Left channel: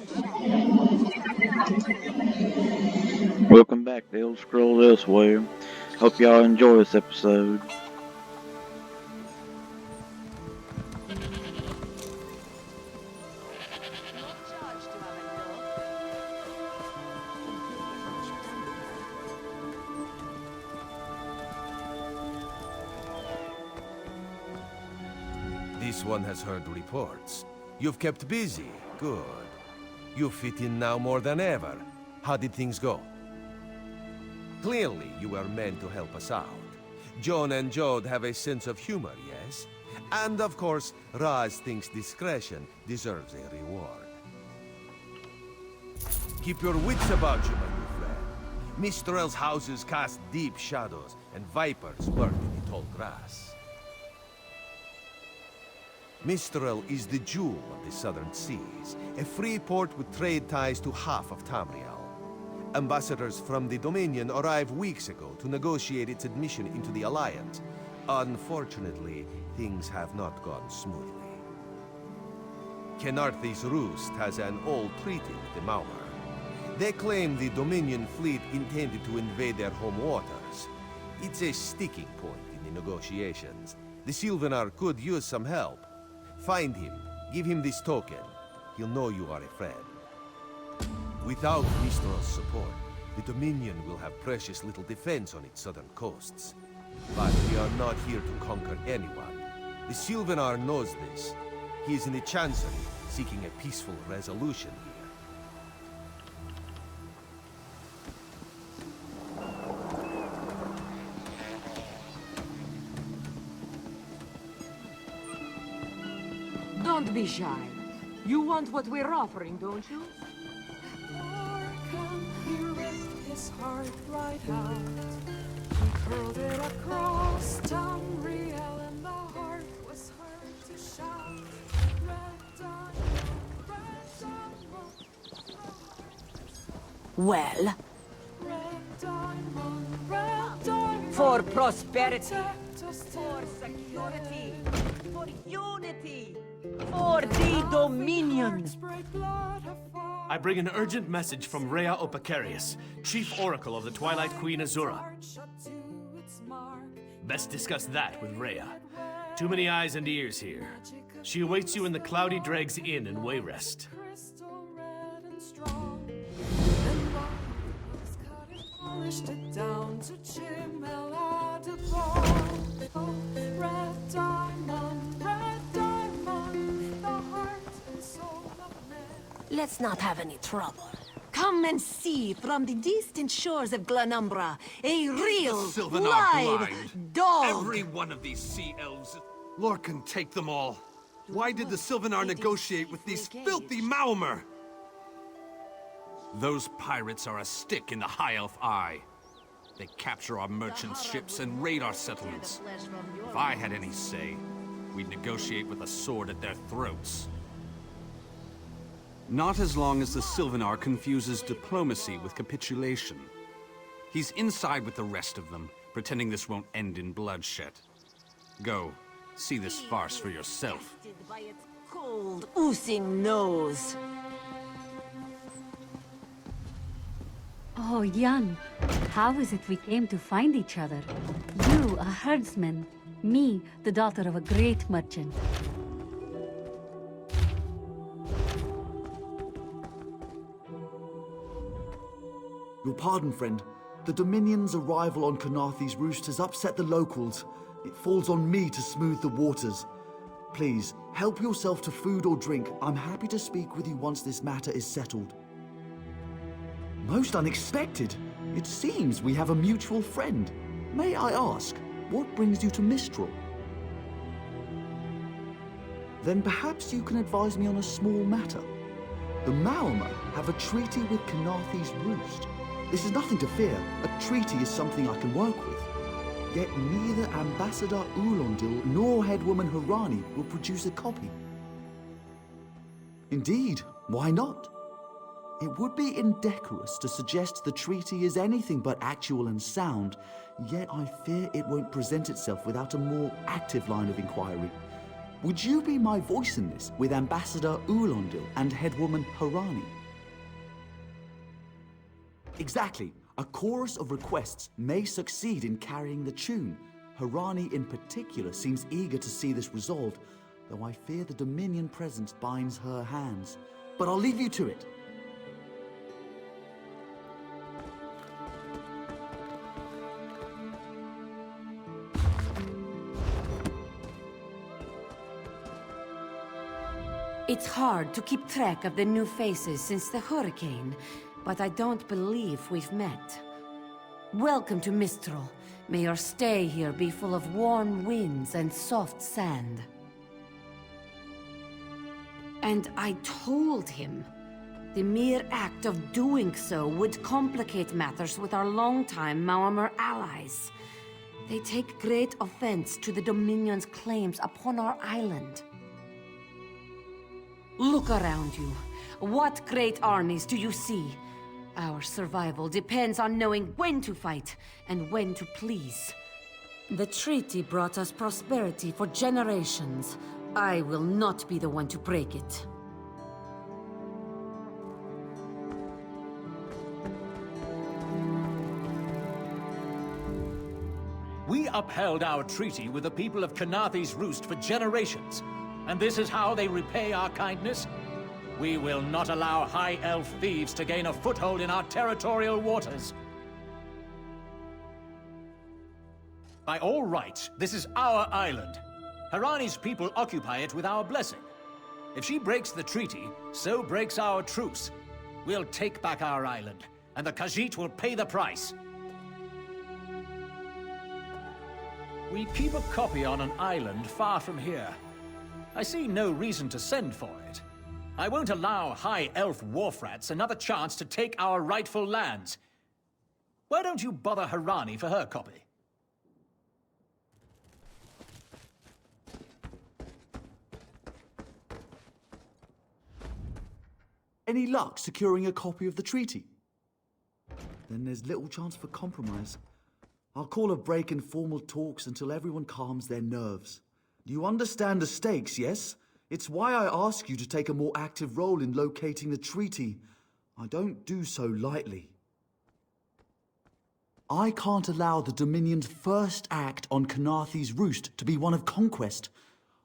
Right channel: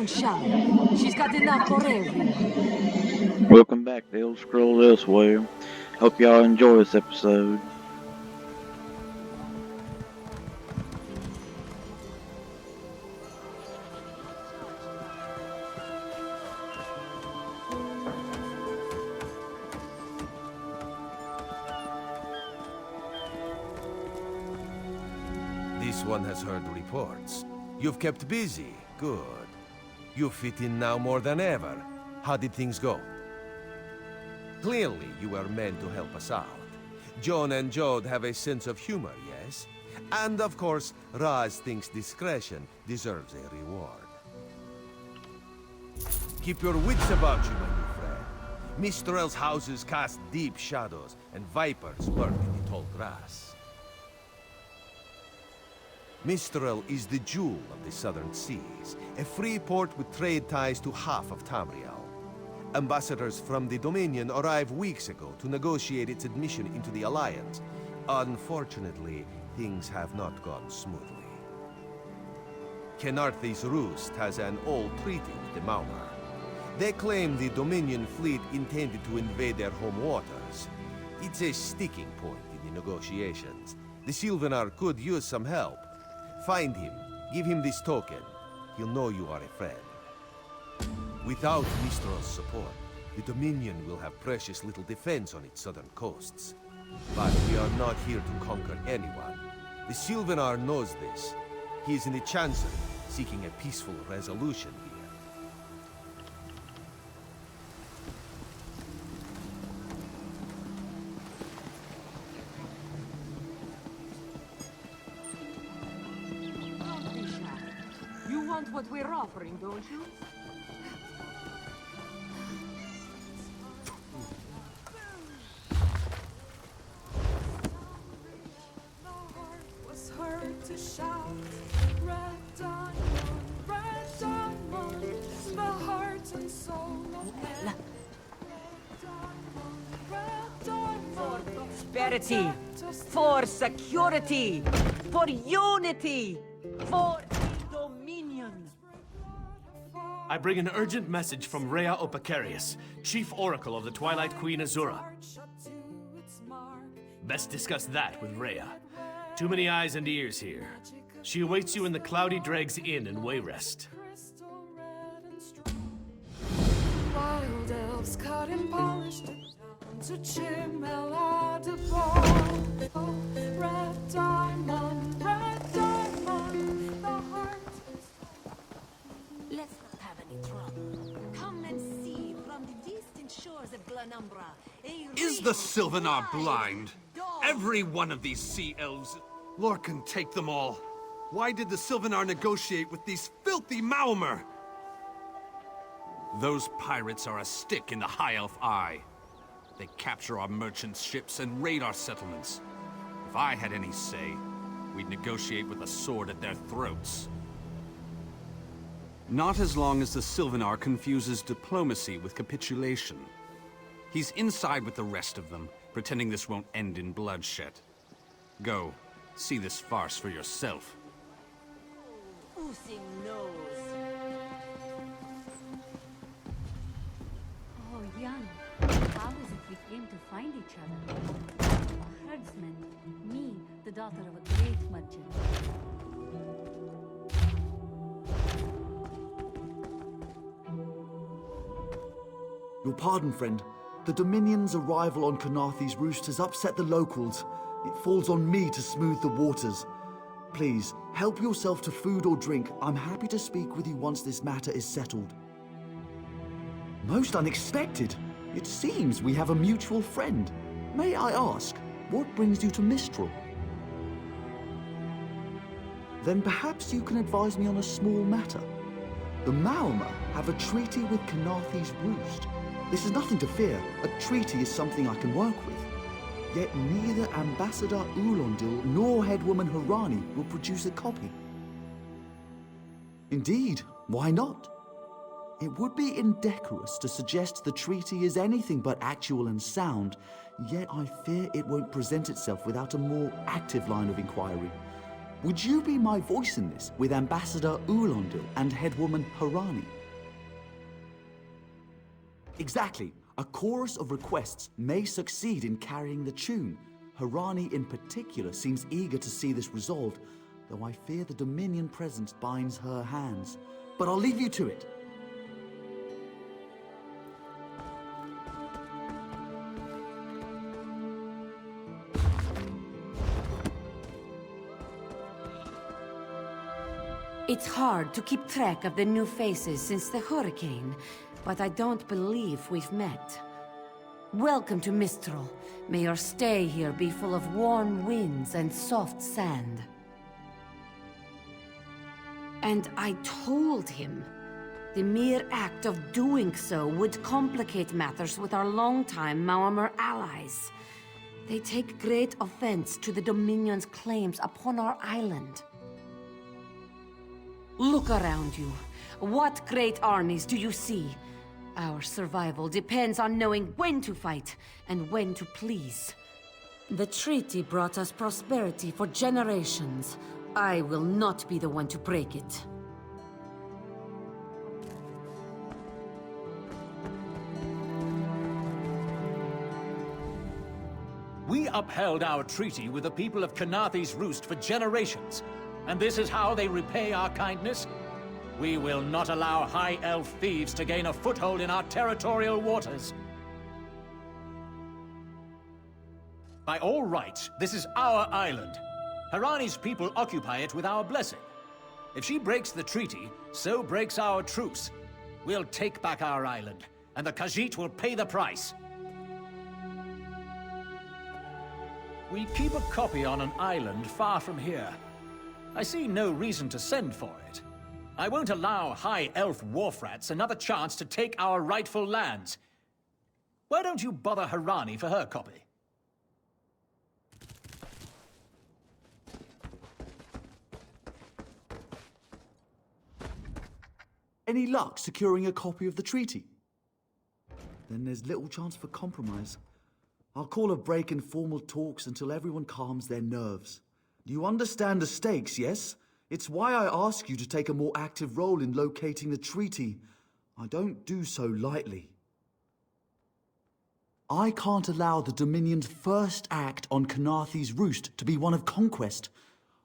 Don't shout. She's got enough already. Welcome back to Elder Scrolls Elsweyr. Hope y'all enjoy this episode. This one has heard reports. You've kept busy. Good. You fit in now more than ever. How did things go? Clearly, you were meant to help us out. John and Jode have a sense of humor, yes? And of course, Raz thinks discretion deserves a reward. Keep your wits about you, my new friend. Mistral's houses cast deep shadows, and vipers lurk in the tall grass. Mistral is the jewel of the southern seas, a free port with trade ties to half of Tamriel. Ambassadors from the Dominion arrived weeks ago to negotiate its admission into the Alliance. Unfortunately, things have not gone smoothly. Kenarthi's Roost has an old treaty with the Maumar. They claim the Dominion fleet intended to invade their home waters. It's a sticking point in the negotiations. The Sylvanar could use some help. Find him, give him this token. He'll know you are a friend. Without Mistral's support, the Dominion will have precious little defense on its southern coasts. But we are not here to conquer anyone. The Sylvanar knows this. He is in the Chancery, seeking a peaceful resolution here. Don't be shy. You want what we're offering, don't you? Well, for prosperity, for security, for unity, for the Dominion. I bring an urgent message from Rhea Opacarius, Chief Oracle of the Twilight Queen Azura. Best discuss that with Rhea. Too many eyes and ears here. She awaits you in the Cloudy Dregs Inn in Wayrest. Let's not have any trouble. Come and see from the distant shores of Glanumbra a real Is the Sylvanar blind? Dog. Every one of these sea elves. Lorcan, take them all. Why did the Sylvanar negotiate with these filthy Maumar? Those pirates are a stick in the High Elf eye. They capture our merchants' ships and raid our settlements. If I had any say, we'd negotiate with a sword at their throats. Not as long as the Sylvanar confuses diplomacy with capitulation. He's inside with the rest of them, pretending this won't end in bloodshed. Go, see this farce for yourself. By its cold, oozing nose. Oh, Jan, how is it we came to find each other? You, a herdsman. Me, the daughter of a great merchant. Your pardon, friend. The Dominion's arrival on Kenarthi's Roost has upset the locals. It falls on me to smooth the waters. Please, help yourself to food or drink. I'm happy to speak with you once this matter is settled. Most unexpected. It seems we have a mutual friend. May I ask, what brings you to Mistral? Then perhaps you can advise me on a small matter. The Maumar have a treaty with Kenarthi's Roost. This is nothing to fear. A treaty is something I can work with. Yet neither Ambassador Ulondil nor Headwoman Harani will produce a copy. Indeed, why not? It would be indecorous to suggest the treaty is anything but actual and sound, yet I fear it won't present itself without a more active line of inquiry. Would you be my voice in this with Ambassador Ulondil and Headwoman Harani? Exactly. A chorus of requests may succeed in carrying the tune. Harani in particular seems eager to see this resolved, though I fear the Dominion presence binds her hands. But I'll leave you to it. It's hard to keep track of the new faces since the hurricane, but I don't believe we've met. Welcome to Mistral. May your stay here be full of warm winds and soft sand. And I told him. The mere act of doing so would complicate matters with our longtime Maormer allies. They take great offense to the Dominion's claims upon our island. Look around you. What great armies do you see? Our survival depends on knowing when to fight and when to please. The treaty brought us prosperity for generations. I will not be the one to break it. We upheld our treaty with the people of Kanathe's Roost for generations. And this is how they repay our kindness? We will not allow High Elf thieves to gain a foothold in our territorial waters. By all rights, this is our island. Harani's people occupy it with our blessing. If she breaks the treaty, so breaks our truce. We'll take back our island, and the Khajiit will pay the price. We keep a copy on an island far from here. I see no reason to send for it. I won't allow High Elf wharf-rats another chance to take our rightful lands. Why don't you bother Harani for her copy? Any luck securing a copy of the treaty? Then there's little chance for compromise. I'll call a break in formal talks until everyone calms their nerves. You understand the stakes, yes? It's why I ask you to take a more active role in locating the treaty. I don't do so lightly. I can't allow the Dominion's first act on Kanathe's Roost to be one of conquest.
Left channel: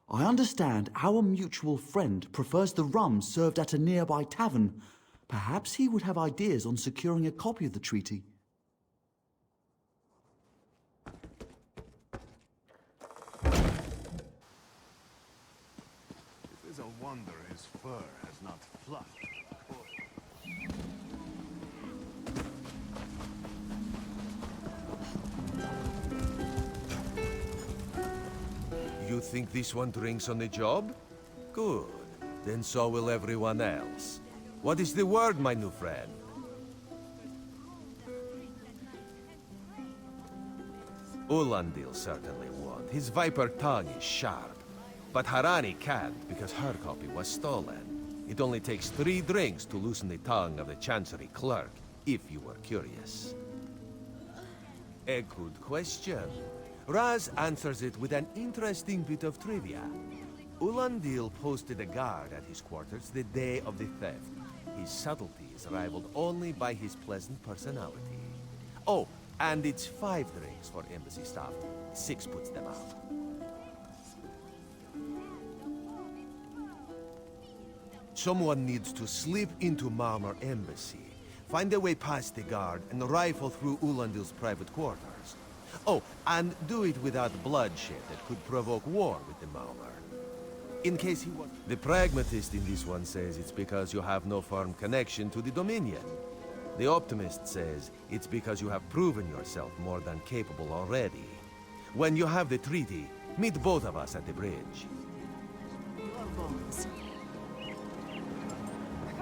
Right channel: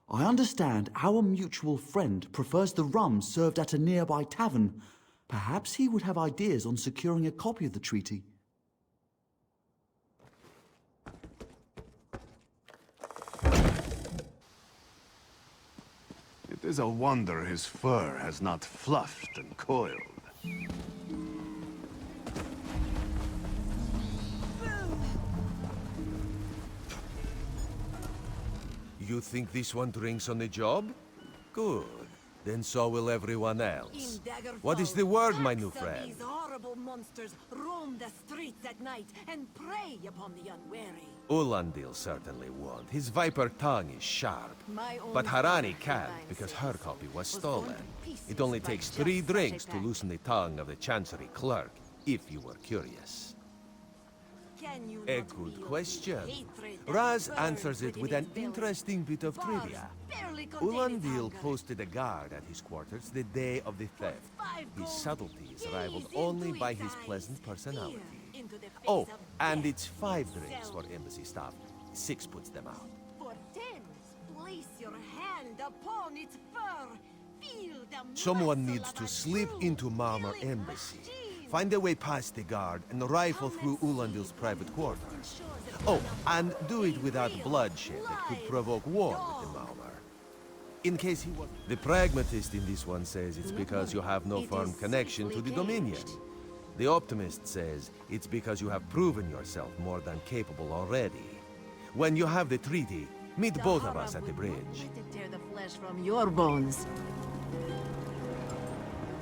I understand our mutual friend prefers the rum served at a nearby tavern. Perhaps he would have ideas on securing a copy of the treaty. It is a wonder his fur has not fluffed and coiled. You think this one drinks on the job? Good. Then so will everyone else. What is the word, my new friend? Ulondil certainly won't. His viper tongue is sharp. But Harani can't, because her copy was stolen. It only takes 3 drinks to loosen the tongue of the Chancery clerk, if you were curious. A good question. Raz answers it with an interesting bit of trivia. Ulondil posted a guard at his quarters the day of the theft. His subtlety is rivaled only by his pleasant personality. Oh, and it's 5 drinks for embassy staff. 6 puts them out. Someone needs to slip into Maormer Embassy, find a way past the guard, and rifle through Ulondil's private quarters. Oh, and do it without bloodshed that could provoke war with the Maormer. In case he was... The pragmatist in this one says it's because you have no firm connection to the Dominion. The optimist says it's because you have proven yourself more than capable already. When you have the treaty, meet both of us at the bridge. Tear the flesh from your bones.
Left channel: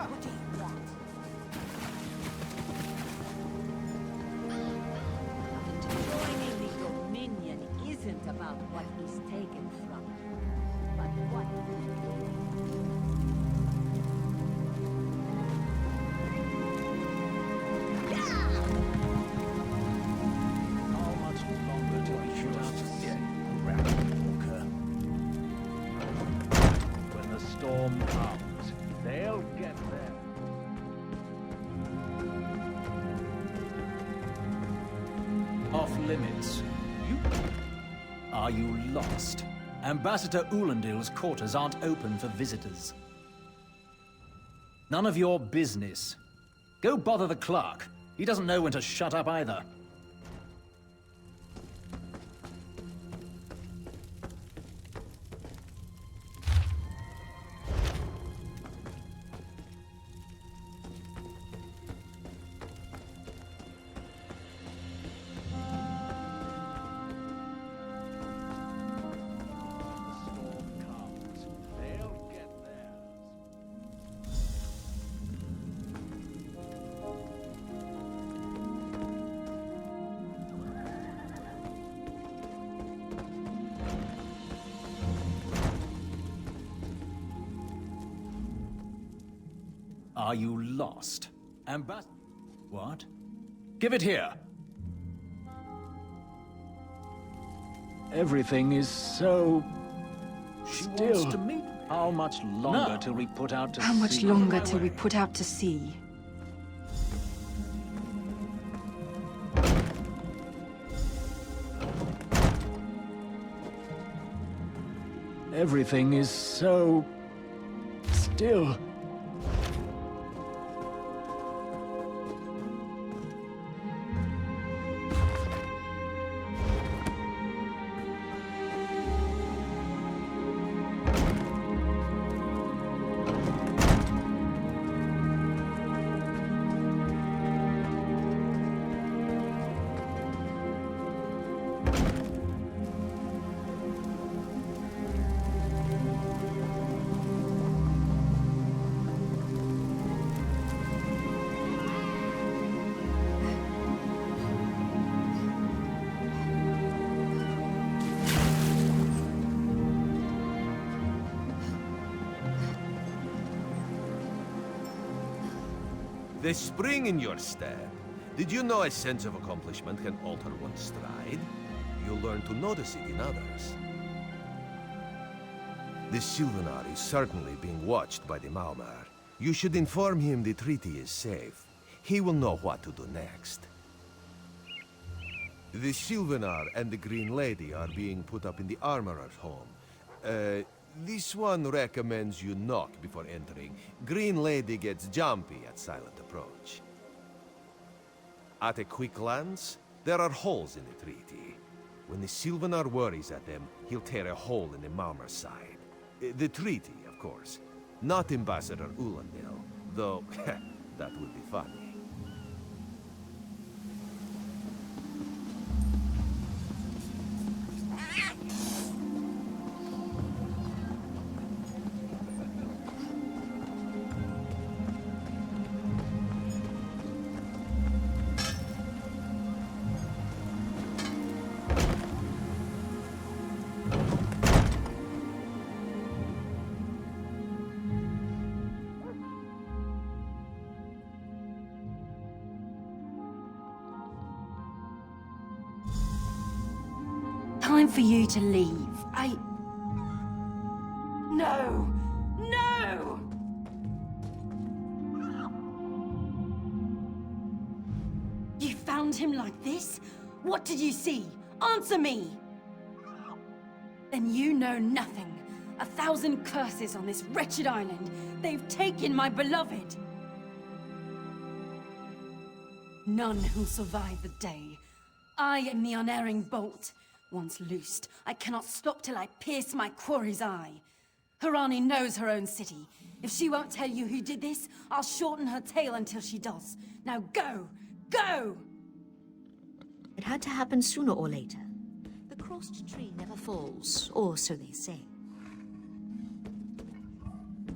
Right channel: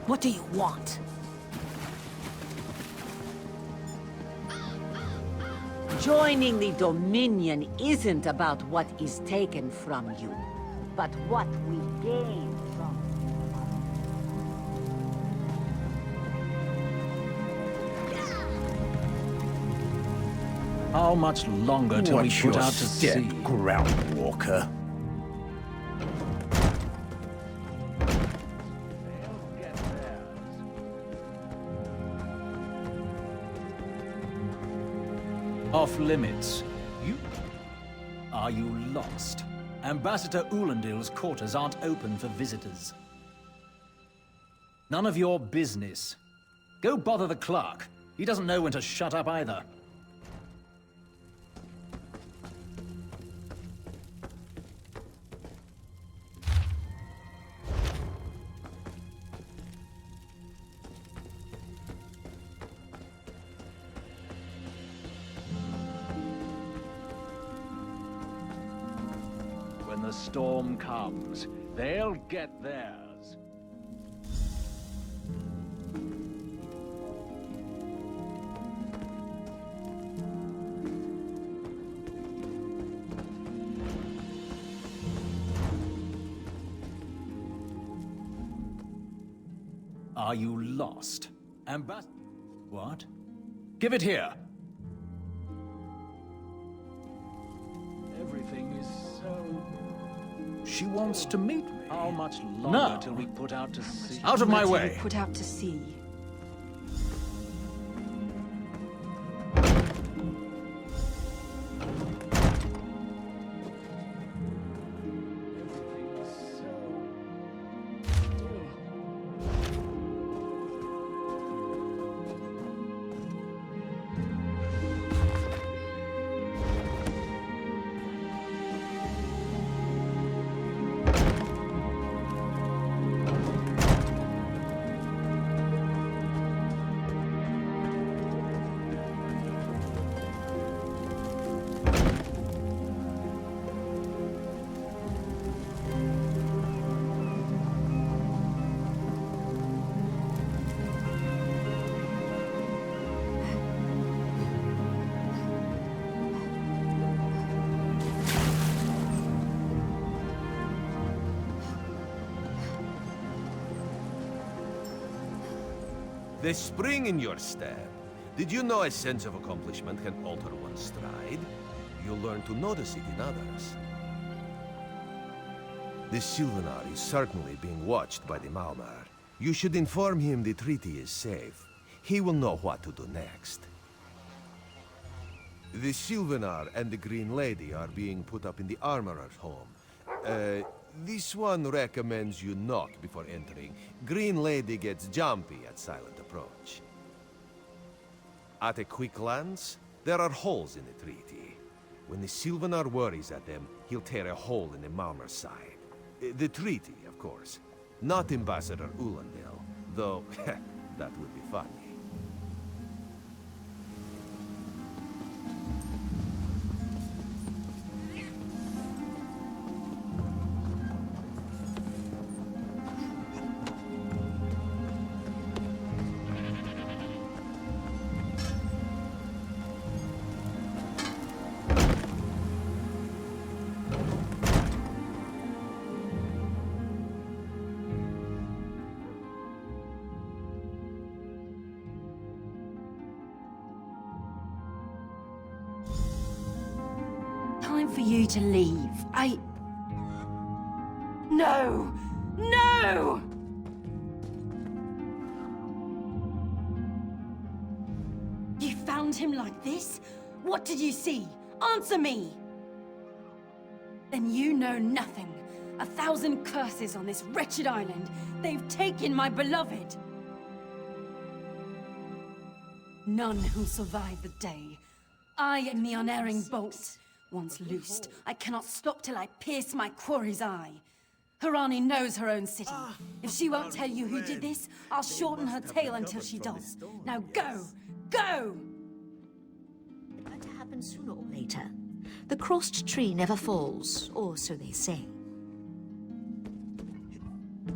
What do you want? Joining the Dominion isn't about what is taken from you, but what we gain from How much longer till we put out to sea? Groundwalker. When the storm comes, they'll get theirs. Off limits. You... Are you lost? Ambassador Ulandil's quarters aren't open for visitors. None of your business. Go bother the clerk. He doesn't know when to shut up either. When the storm comes, they'll get theirs. Are you lost? What? Give it here! Everything is so... She wants to meet me. How much longer till we put out to sea? How much Out of my longer till we way! put out to sea? Everything is so... still. The spring in your step. Did you know a sense of accomplishment can alter one's stride? You'll learn to notice it in others. The Sylvanar is certainly being watched by the Malmar. You should inform him the treaty is safe. He will know what to do next. The Sylvanar and the Green Lady are being put up in the Armorer's home. This one recommends you knock before entering. Green Lady gets jumpy at silent approach. At a quick glance, there are holes in the treaty. When the Sylvanar worries at them, he'll tear a hole in the Malmar's side. The treaty, of course. Not Ambassador Ulandil, though that would be funny. Time for you to leave. No! No! You found him like this? What did you see? Answer me! Then you know nothing. 1,000 curses on this wretched island. They've taken my beloved. None who'll survive the day. I am the unerring bolt. Once loosed, I cannot stop till I pierce my quarry's eye. Harani knows her own city. If she won't tell you who did this, I'll shorten her tail until she does. Now go! Go! It had to happen sooner or later. The crossed tree never falls, or so they say.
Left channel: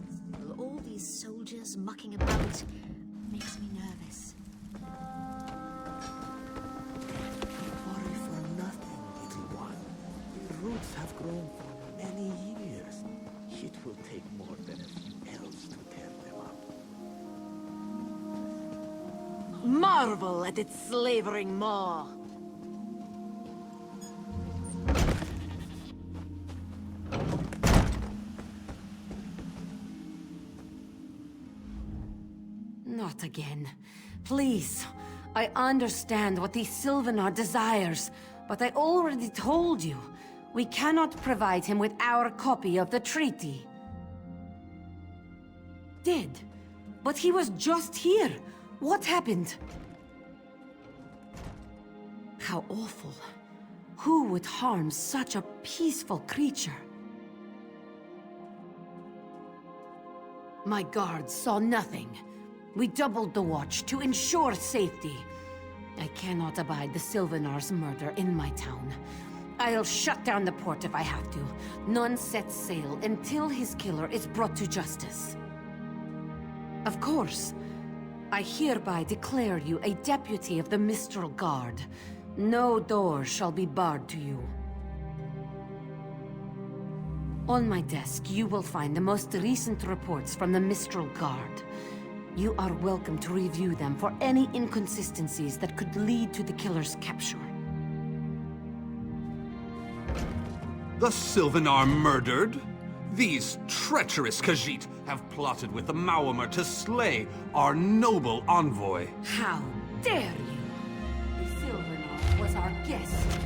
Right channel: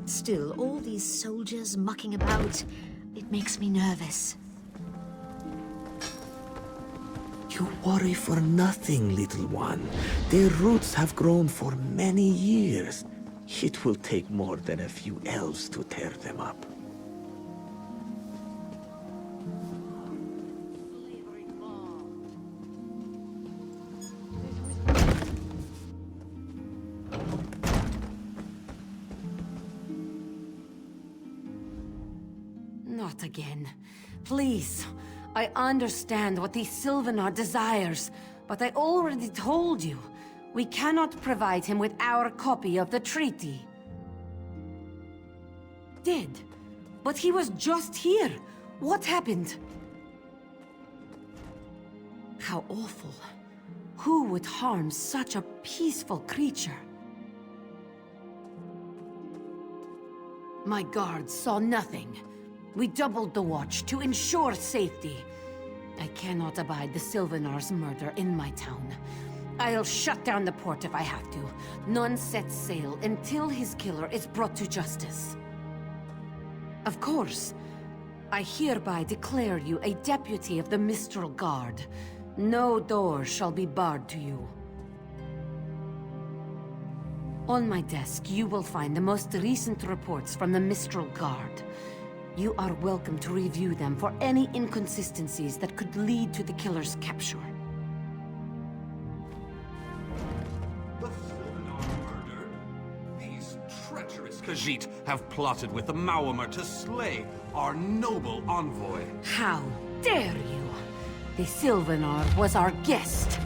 Still, all these soldiers mucking about, it makes me nervous. You worry for nothing, little one. Their roots have grown for many years. It will take more than a few elves to tear them up. Marvel at its slavering maw. Not again. Please. I understand what the Sylvanar desires, but I already told you. We cannot provide him with our copy of the treaty. Did. But he was just here. What happened? How awful. Who would harm such a peaceful creature? My guards saw nothing. We doubled the watch to ensure safety. I cannot abide the Sylvanar's murder in my town. I'll shut down the port if I have to. None sets sail until his killer is brought to justice. Of course. I hereby declare you a deputy of the Mistral Guard. No door shall be barred to you. On my desk, you will find the most recent reports from the Mistral Guard. You are welcome to review them for any inconsistencies that could lead to the killer's capture. The Sylvanar murdered? These treacherous Khajiit have plotted with the Maormer to slay our noble envoy. How dare you! The Sylvanar was our guest.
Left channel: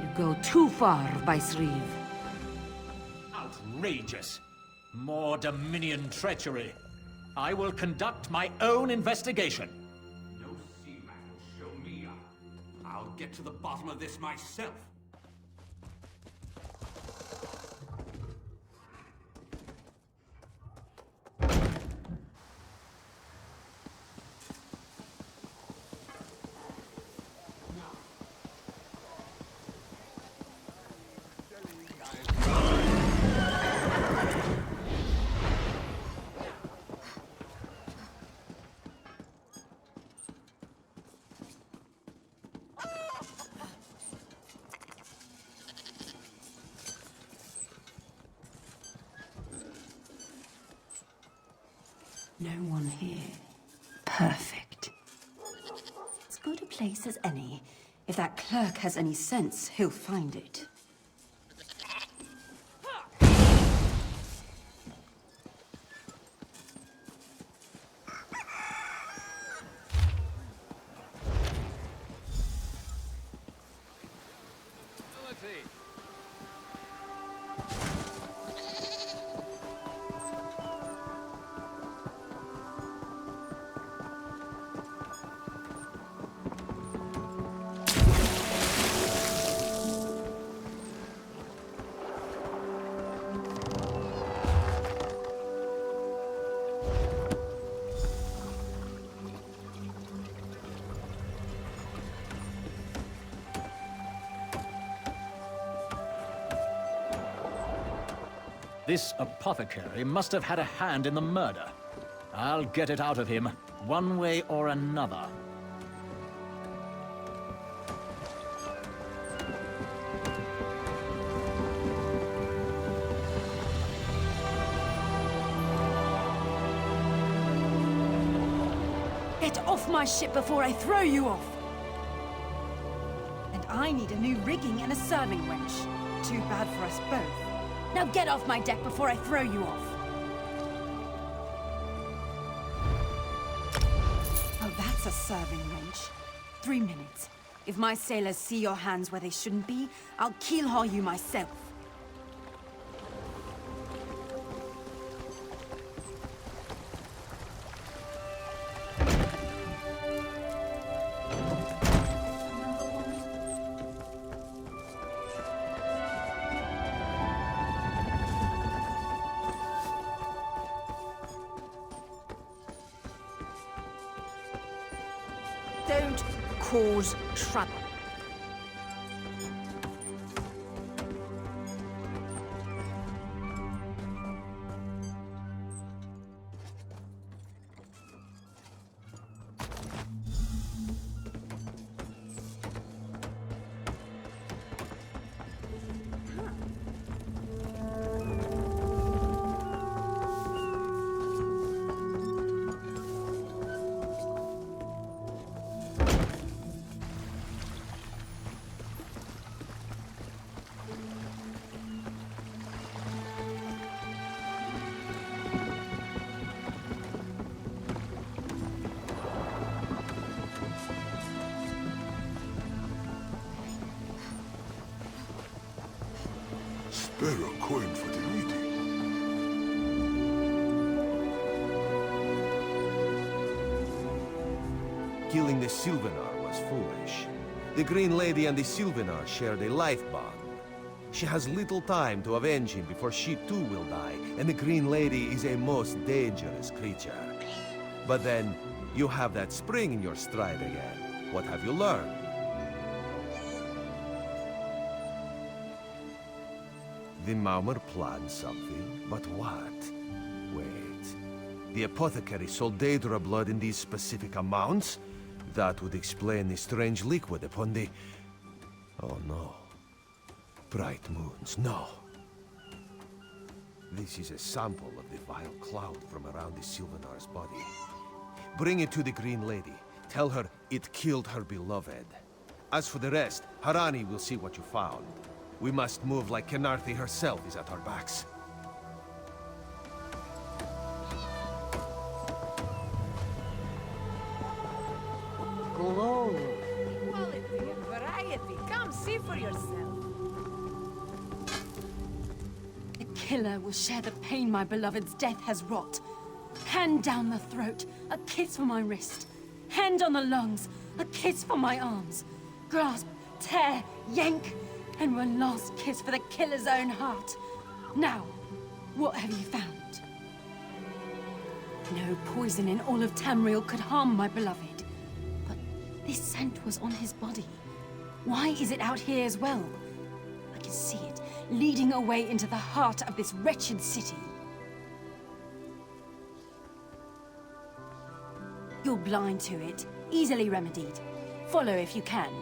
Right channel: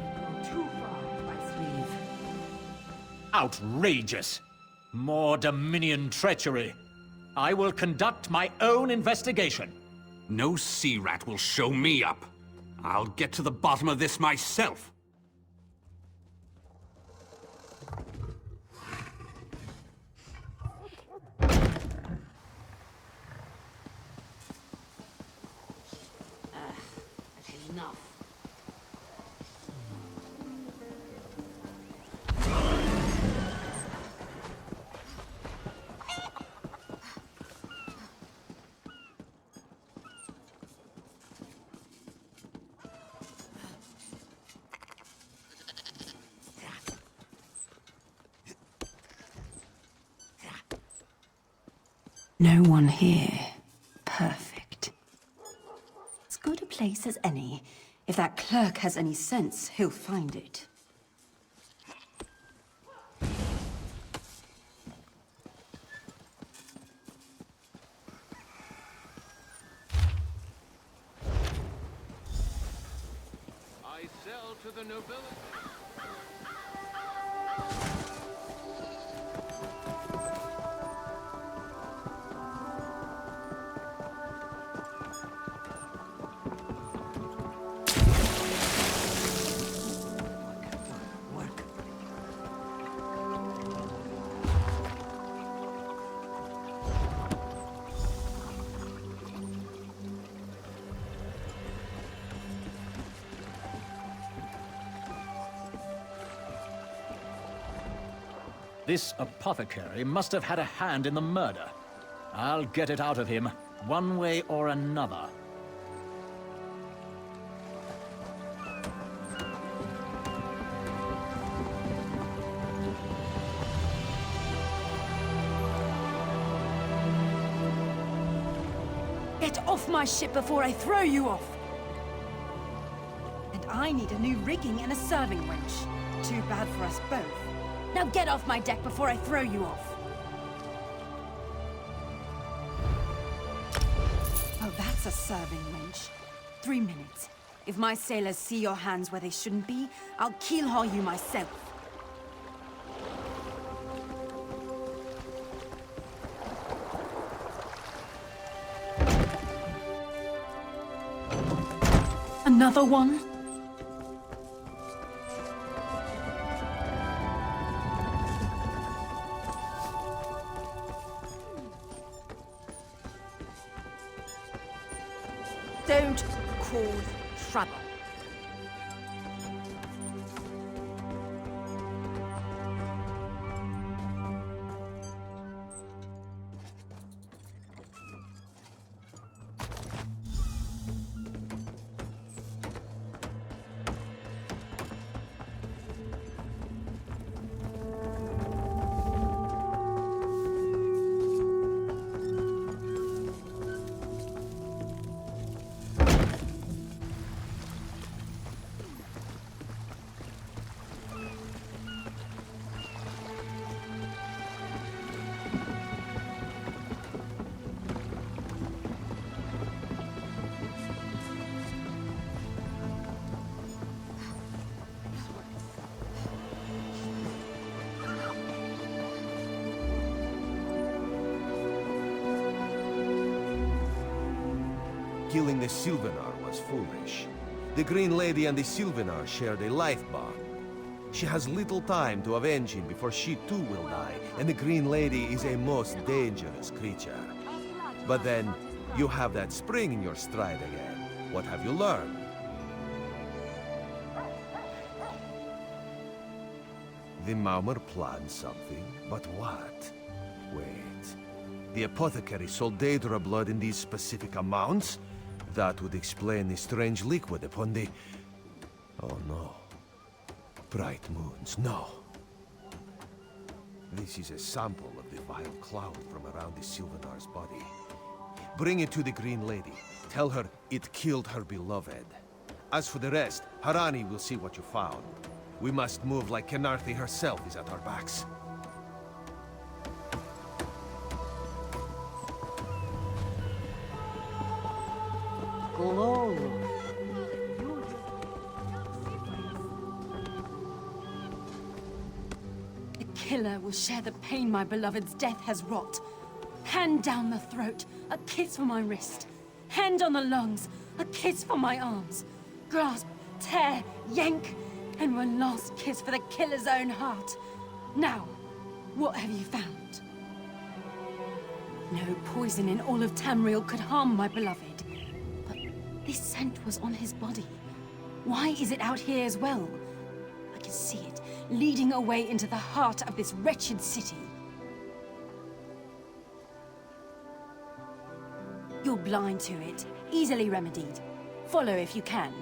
You go too far, Vice-Reeve. Outrageous! More Dominion treachery. I will conduct my own investigation. No sea rat will show me up. I'll get to the bottom of this myself. No one here. Perfect. As good a place as any. If that clerk has any sense, he'll find it. This apothecary must have had a hand in the murder. I'll get it out of him, one way or another. Get off my ship before I throw you off! And I need a new rigging and a serving wench. Too bad for us both. Now get off my deck before I throw you off! Oh, that's a serving wench. 3 minutes. If my sailors see your hands where they shouldn't be, I'll keel-haul you myself. Another one? Don't cause trouble. killing the Sylvanar was foolish. The Green Lady and the Sylvanar shared a life bond. She has little time to avenge him before she too will die, and the Green Lady is a most dangerous creature. But then, you have that spring in your stride again. What have you learned? The Maumar planned something, but what? Wait. The apothecary sold Daedra blood in these specific amounts? That would explain the strange liquid upon the... Oh no. Bright moons, no. This is a sample of the vile cloud from around the Sylvanar's body. Bring it to the Green Lady. Tell her it killed her beloved. As for the rest, Harani will see what you found. We must move like Kenarthi herself is at our backs. Glory. The killer will share the pain my beloved's death has wrought. Hand down the throat, a kiss for my wrist. Hand on the lungs, a kiss for my arms. Grasp, tear, yank, and one last kiss for the killer's own heart. Now, what have you found? No poison in all of Tamriel could harm my beloved. But this scent was on his body. Why is it out here as well? I can see it, leading away into the heart of this wretched city. You're blind to it, easily remedied. Follow if you can.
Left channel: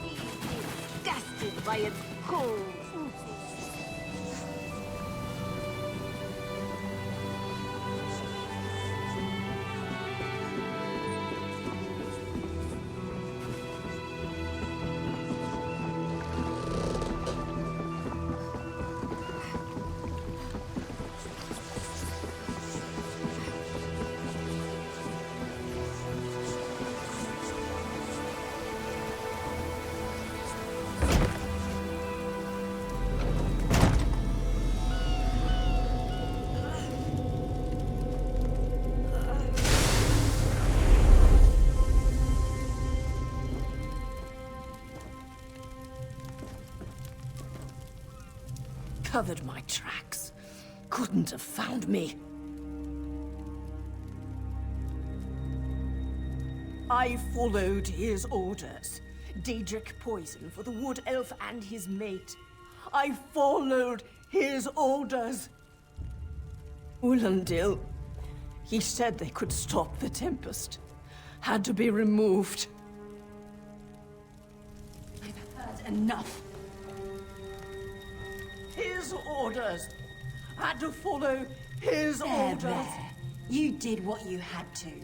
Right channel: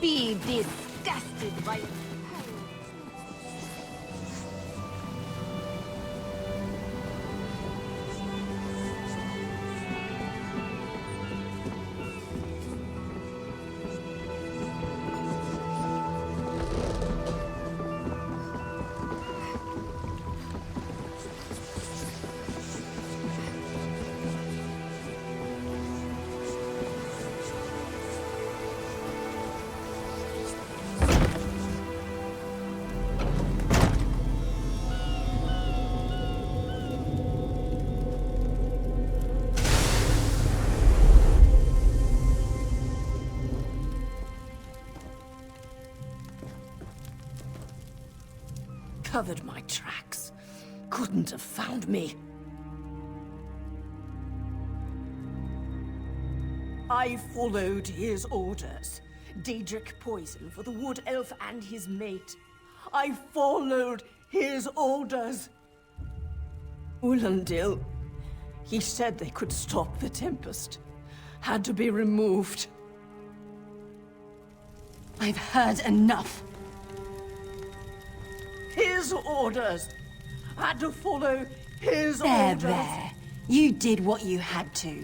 Be disgusted by its cold. Covered my tracks. Couldn't have found me. I followed his orders. Daedric poison for the wood elf and his mate. I followed his orders. Ulandil, he said they could stop the Tempest. Had to be removed. I've heard enough. His orders. Had to follow his orders. There. You did what you had to.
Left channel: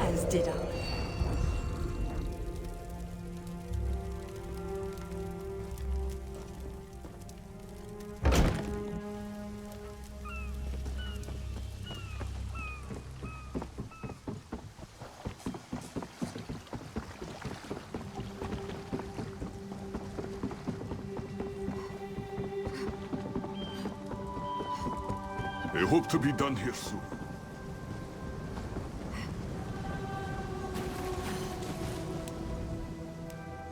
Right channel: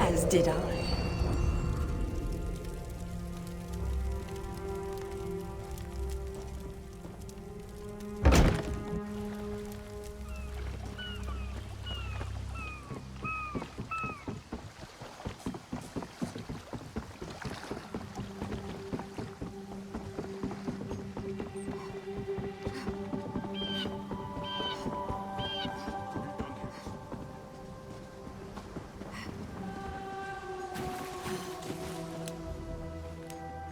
As did I. I hope to be done here soon.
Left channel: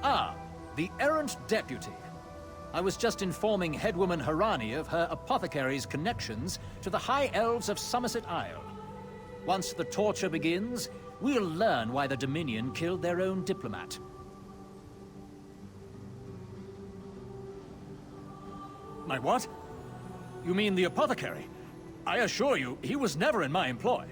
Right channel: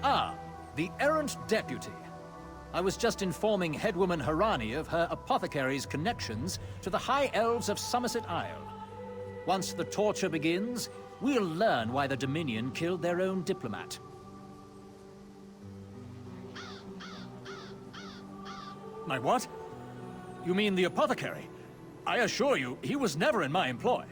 Ah, the errant deputy. I was just informing headwoman Harani of her apothecary's connections to the High Elves of Somerset Isle. Once the torture begins, we'll learn why the Dominion killed their own diplomat. My what? You mean the apothecary? I assure you, he was never in my employ.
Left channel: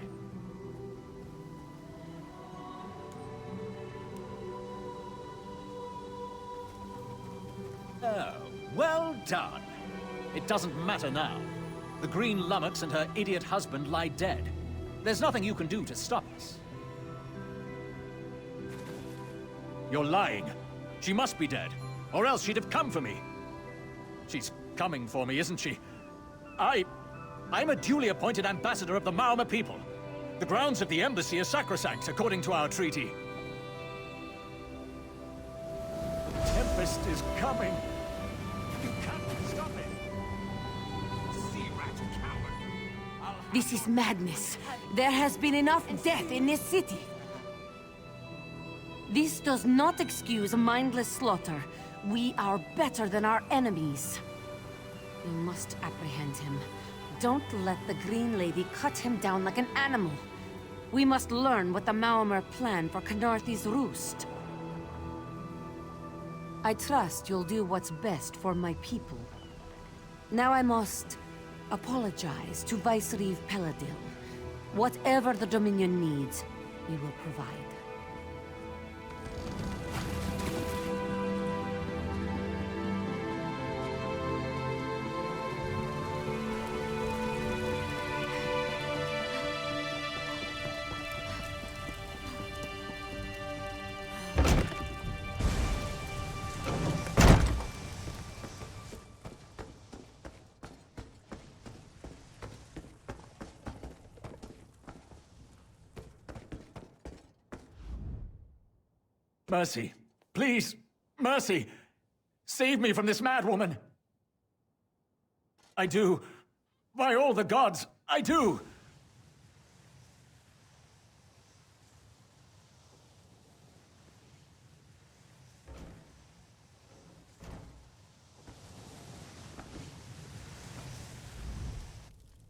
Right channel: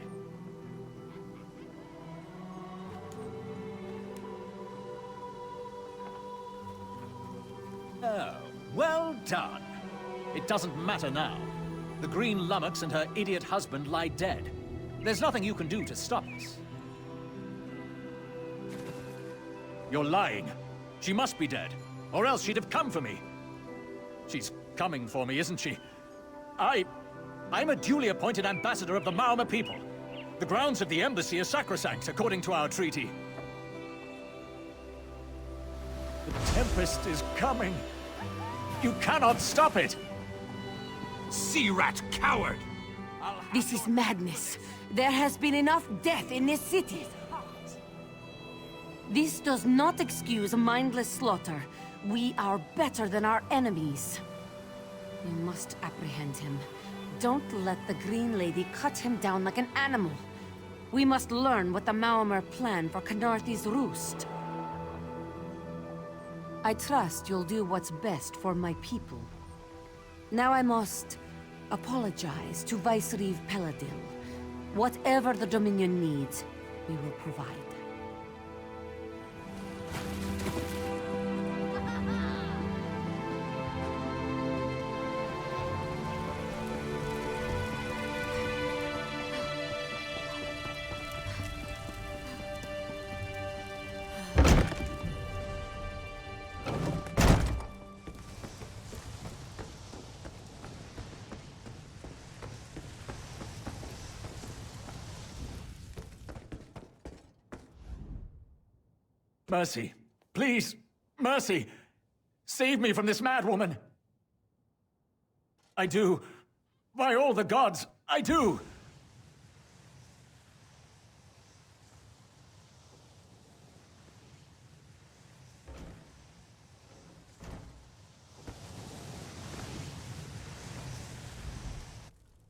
Oh, well done. It doesn't matter now. The Green Lummox and her idiot husband lie dead. There's nothing you can do to stop us. You're lying. She must be dead, or else she'd have come for me. She's coming for me, isn't she? I'm a duly appointed ambassador of the Maormer people. The grounds of the embassy are sacrosanct, according to our treaty. The Tempest is coming. You cannot stop it. Sea rat coward! This is madness. There has been enough death in this city. This does not excuse mindless slaughter. We are better than our enemies. We must apprehend him. Don't let the Green Lady cut him down like an animal. We must learn what the Maormer plan for Khenarthi's roost. I trust you'll do what's best for my people. Now I must apologize to Vicereeve Peladil. Whatever the Dominion needs, we will provide. Mercy. Please. Mercy. Save me from this madwoman. I do. By all the gods, I do.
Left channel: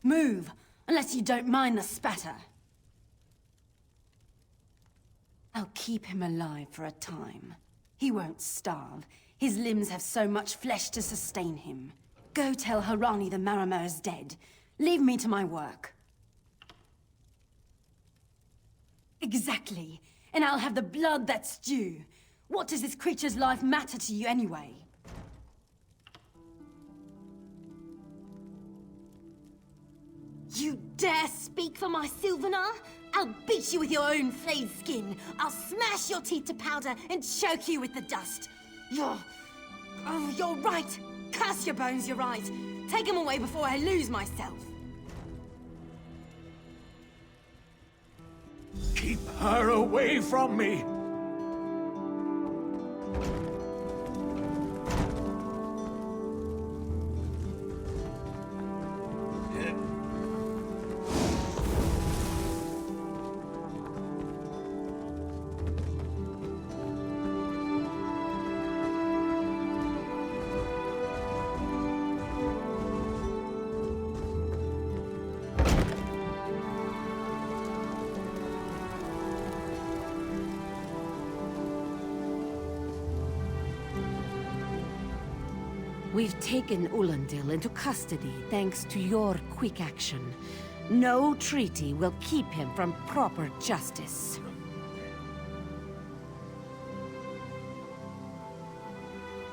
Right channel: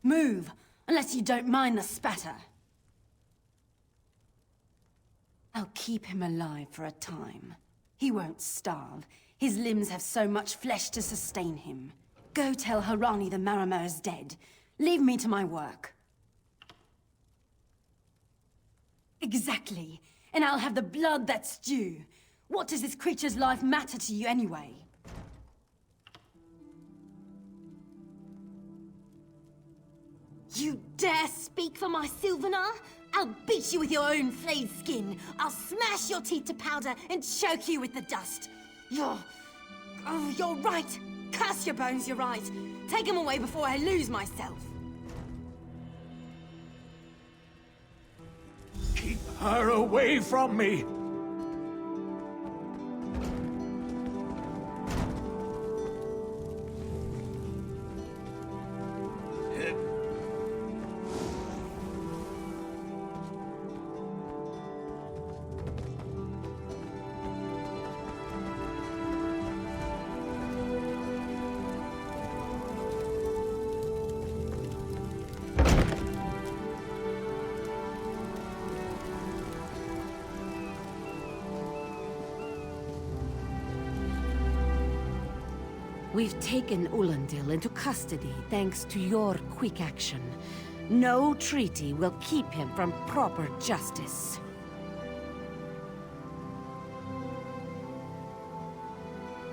Move, unless you don't mind the spatter. I'll keep him alive for a time. He won't starve. His limbs have so much flesh to sustain him. Go tell Harani the Maormer is dead. Leave me to my work. Exactly. And I'll have the blood that's due. What does this creature's life matter to you anyway? You dare speak for my Sylvanar? I'll beat you with your own flayed skin. I'll smash your teeth to powder and choke you with the dust. You're right. Curse your bones, you're right. Take them away before I lose myself. Keep her away from me! We've taken Ulandil into custody thanks to your quick action. No treaty will keep him from proper justice.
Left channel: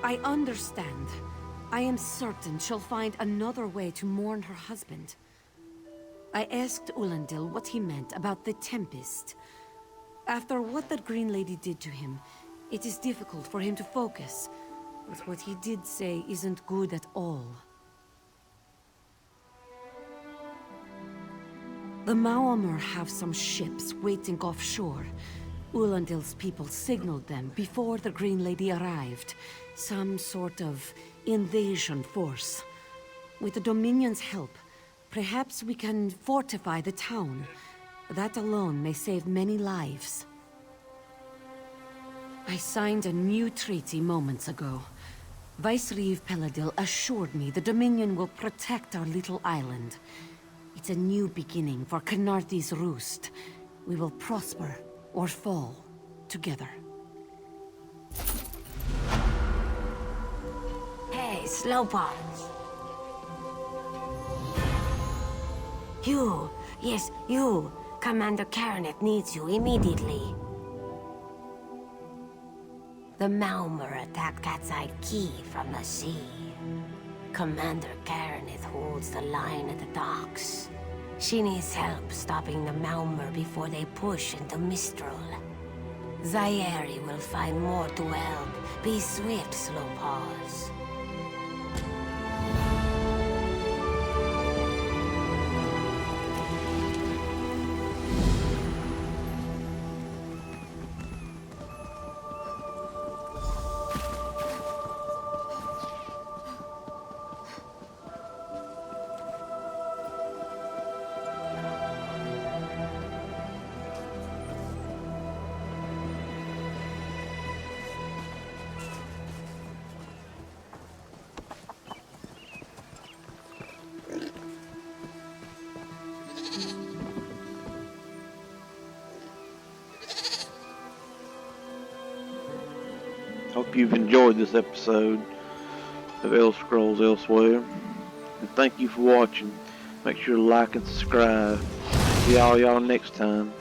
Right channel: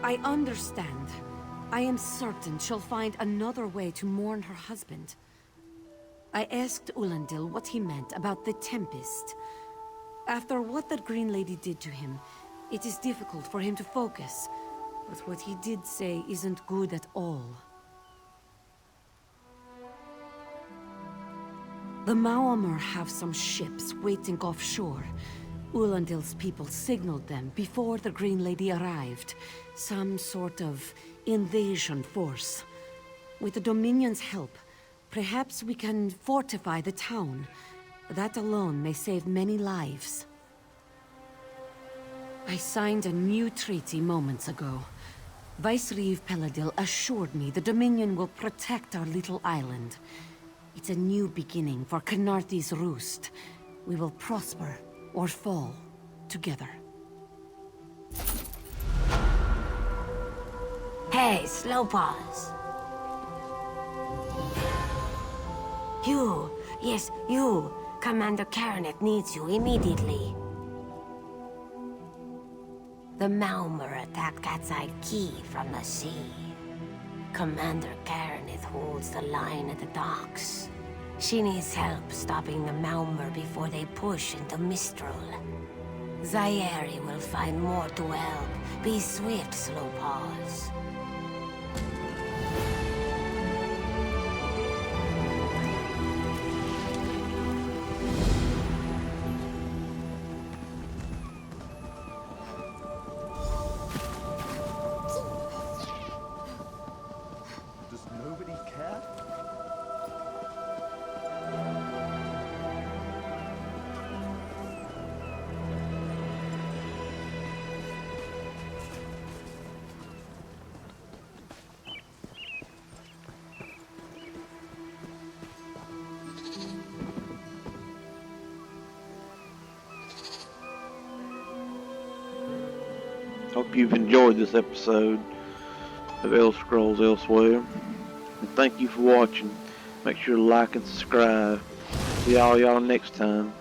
I understand. I am certain she'll find another way to mourn her husband. I asked Ulandil what he meant about the Tempest. After what that Green Lady did to him, it is difficult for him to focus. But what he did say isn't good at all. The Maormer have some ships waiting offshore. Ulandil's people signaled them before the Green Lady arrived. Some sort of invasion force. With the Dominion's help, perhaps we can fortify the town. That alone may save many lives. I signed a new treaty moments ago. Vicereeve Peladil assured me the Dominion will protect our little island. It's a new beginning for Khenarthi's roost. We will prosper or fall together. Hey, Slowpaws. You, yes, you. Commander Karanet needs you immediately. The Maormer attacked Cat's Eye Key from the sea. Commander Karanet holds the line at the docks. She needs help stopping the Maormer before they push into Mistral. Zairi will find more to help. Be swift, Slowpaws. Hope you've enjoyed this episode of Elder Scrolls Elsweyr. And thank you for watching. Make sure to like and subscribe. See all y'all next time.